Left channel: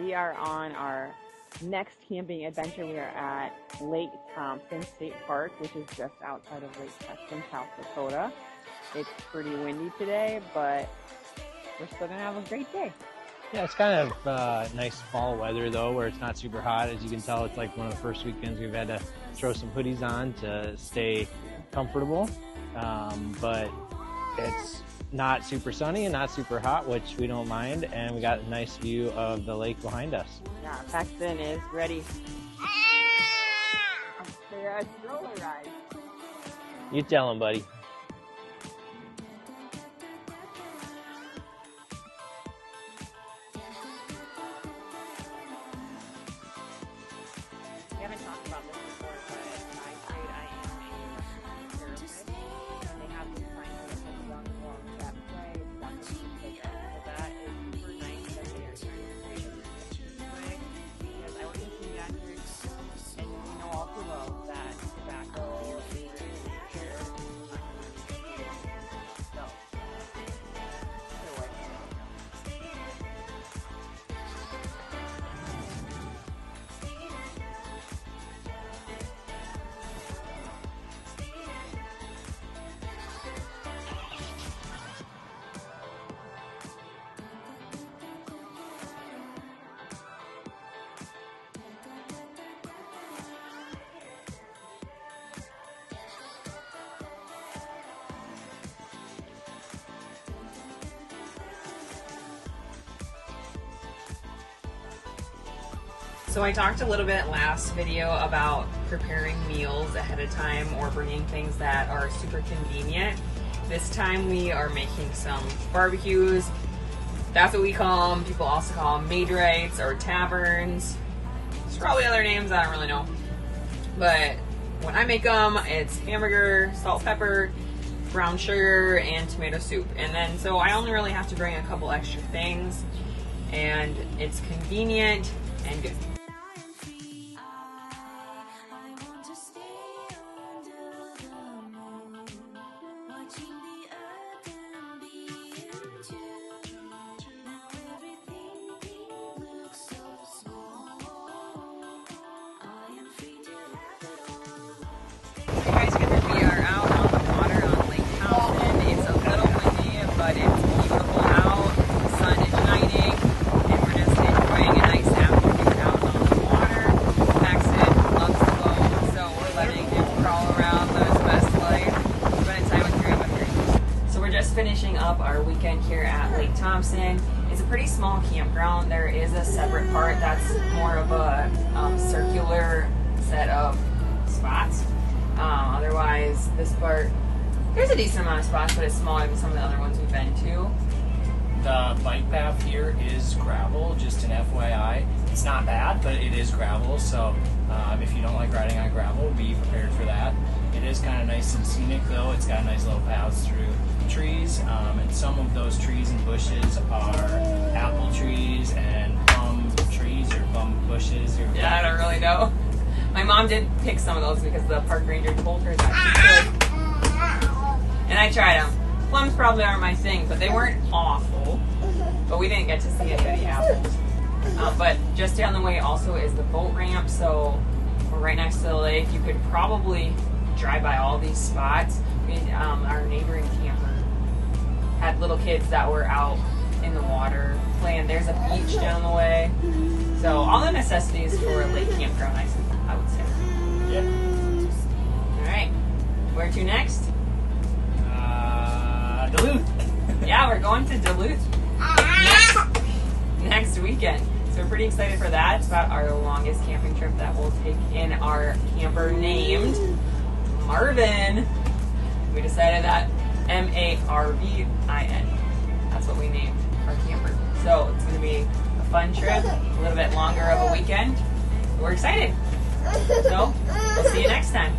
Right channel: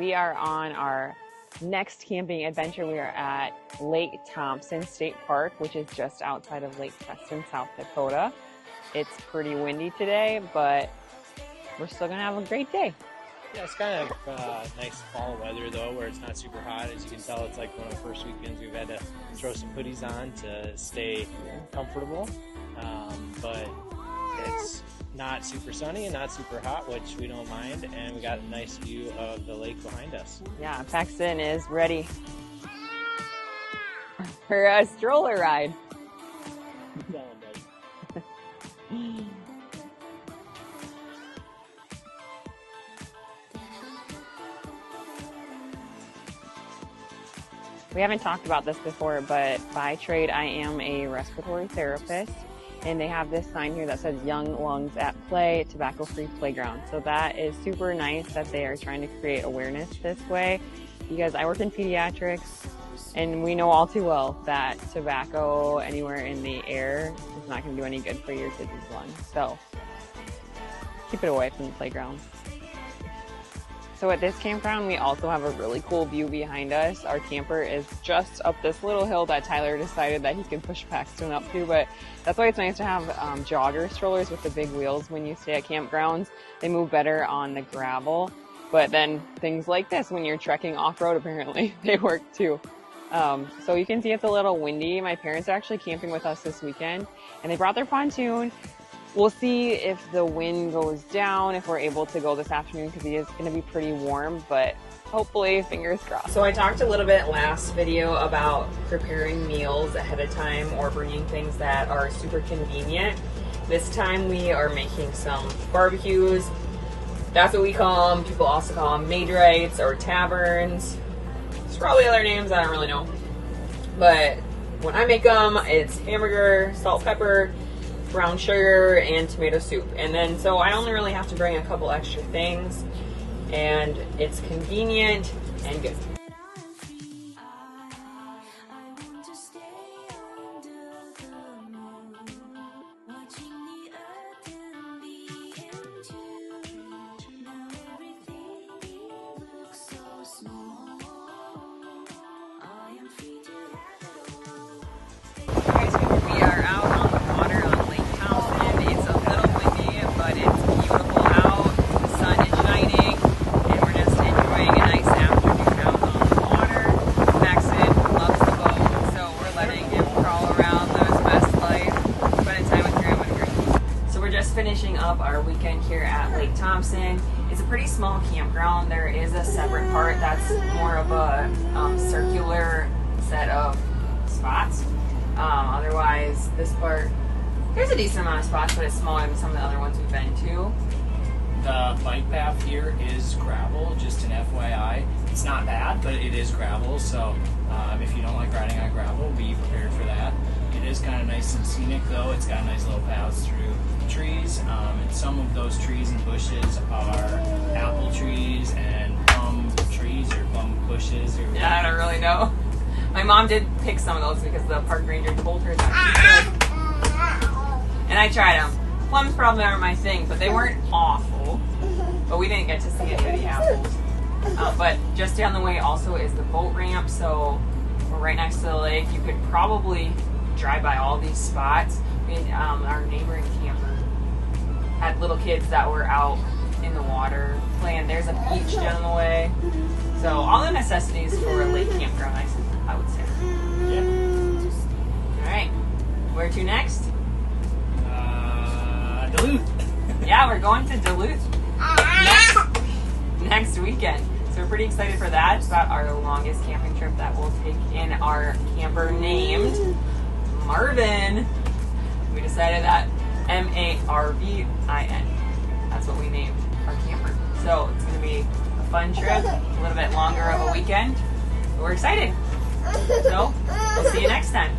We are on our next camping adventure. We are at Lake Thompson State Park, which is just outside of Lake Thompson, South Dakota. It's pretty windy today, but we're still gonna have a great day. Yeah, it's kind of nice fall weather though, where it's not super hot. As you can tell, it's like one of the first weekends we've had to throw some hoodies on to stay comfortable. But it's not super sunny and not super hot, which we don't mind, and we got a nice view of the lake behind us. Yeah, Paxton is ready for a stroller ride. You tell him, buddy. We haven't talked about this before, but by trade I am a respiratory therapist, and they have this sign here that says Young Lungs at Play, Tobacco-Free Playground. So that is super nice that they are trying to create awareness this way, because I work in pediatrics and we know all too well that tobacco anywhere in the air is not going to do any good for your kids' lungs. So keep it away from the playground. So at this campground, we also have a really cool view behind us. Our camper is just up this little hill that Tyler decided that he can push Paxton up to, but that's why it's nice to have jogger strollers with the big wheels when you stay at campgrounds. They move better on the gravel, but then things like this, when you're trekking off-road, apparently they work too. So you can see it's a little windy. My parents are actually camping with us this weekend, and they brought their pontoon. We'll see if the wind goes down, if we're able to go this afternoon, because it is going to be pretty warm, but hopefully, fingers crossed. So I talked a little bit last video about preparing meals ahead of time or bringing things that are super convenient. This time we are making some barbecues. That's what we call them. People also call them Maid-Rites or taverns. There's probably other names, I don't really know. But when I make them, it's hamburger, salt, pepper, brown sugar, and tomato soup. And then, so I only really have to bring a couple extra things, and it's convenient and good. We are out on the water on Lake Thompson. It's a little windy, but it's beautiful out. The sun is shining, and we're just enjoying a nice afternoon out on the water. Paxton loves the boat, so we're letting him crawl around, live his best life, spending time with Grandma and Grandma. So we're just finishing up our weekend here at Lake Thompson. It's a pretty small campground. There is a separate part that's more of a circular set of spots. Otherwise, this part, there's a decent amount of spots, but it's smaller than some of the other ones we've been to. The bike path here is gravel, just an FYI. It's not bad, but it is gravel, so if you don't like riding on gravel, be prepared for that. It is kind of nice and scenic though. It's got nice little paths through trees, and some of those trees and bushes are apple trees and plum trees or plum bushes. Or yeah, I don't really know. My mom did pick some of those because the park ranger told her that she could. And I tried them. Plums probably aren't my thing, but they weren't awful. But we didn't get to see any apples. But just down the way also is the boat ramp, so we're right next to the lake. You could probably drive by all these spots. Our neighboring camper had little kids that were out in the water playing. There's a beach down the way. So all the necessities for a lake campground, I would say. Yeah. All right. Where to next? Duluth. Yeah, we're going to Duluth next weekend. So we're pretty excited for that. It's about our longest camping trip that we'll take in our camper named Marvin. We decided that Marvin. That's what we named our camper. So it's going to be a fun trip, a little bit longer of a weekend. But we're excited. So we'll see you next time.